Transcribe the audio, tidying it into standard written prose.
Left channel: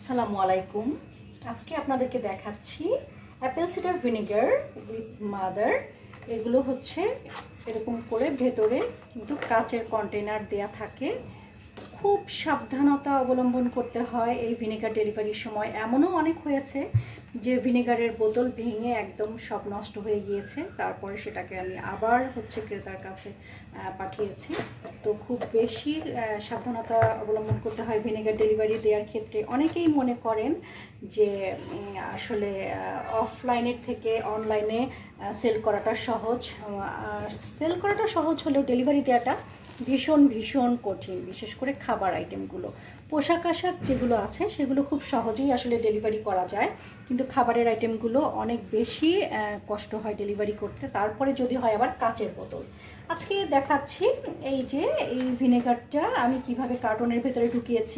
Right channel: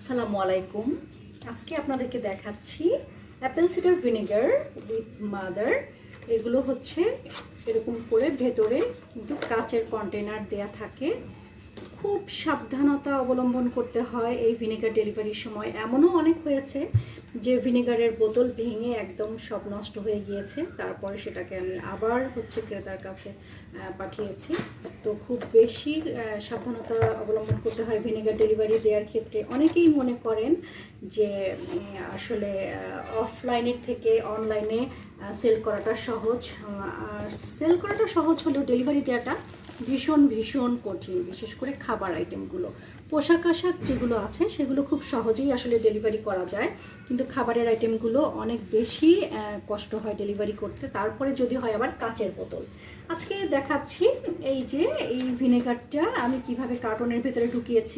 আসসালামু আলাইকুম। আজকে আপনাদেরকে দেখাচ্ছি Apple cider vinegar with mother. এগুলো হচ্ছে এরকম করে ভেতরে কিন্তু কাচের কন্টেনার দেয়া থাকে। খুব সাবধানতা অবলম্বন করতে হয় এই ভিনেগার ডেলিভারির সময়। এমনও অনেক হয়েছে যে ভিনেগারের বোতল ভেঙে একদম সব নষ্ট হয়ে গিয়েছে, তারপরে সেটাকে আমি আবার ক্রেতার কাছে পাঠিয়েছি। তো খুব বেশি সাবধানতা অবলম্বন করতে হয় ভিনেগার ডেলিভারি দেওয়ার ক্ষেত্রে। অনেকেই মনে করেন যে আসলে অফলাইনের থেকে অনলাইনে সেল করাটা সহজ। সেল করাটা সহজ হলেও ডেলিভারি দেওয়াটা ভীষণ ভীষণ কঠিন, বিশেষ করে খাবার আইটেমগুলো। পোশাক আশাক যেগুলো আছে সেগুলো খুব সহজেই আসলে ডেলিভারি করা যায়, কিন্তু খাবারের আইটেমগুলো অনেক বেশি কষ্ট হয় ডেলিভারি করতে। তারপরে যদি হয় আবার কাচের বোতল। আজকে দেখাচ্ছি এই যে এই ভিনেগারটা আমি কিভাবে কার্টনের ভেতরে ঢুকিয়েছি।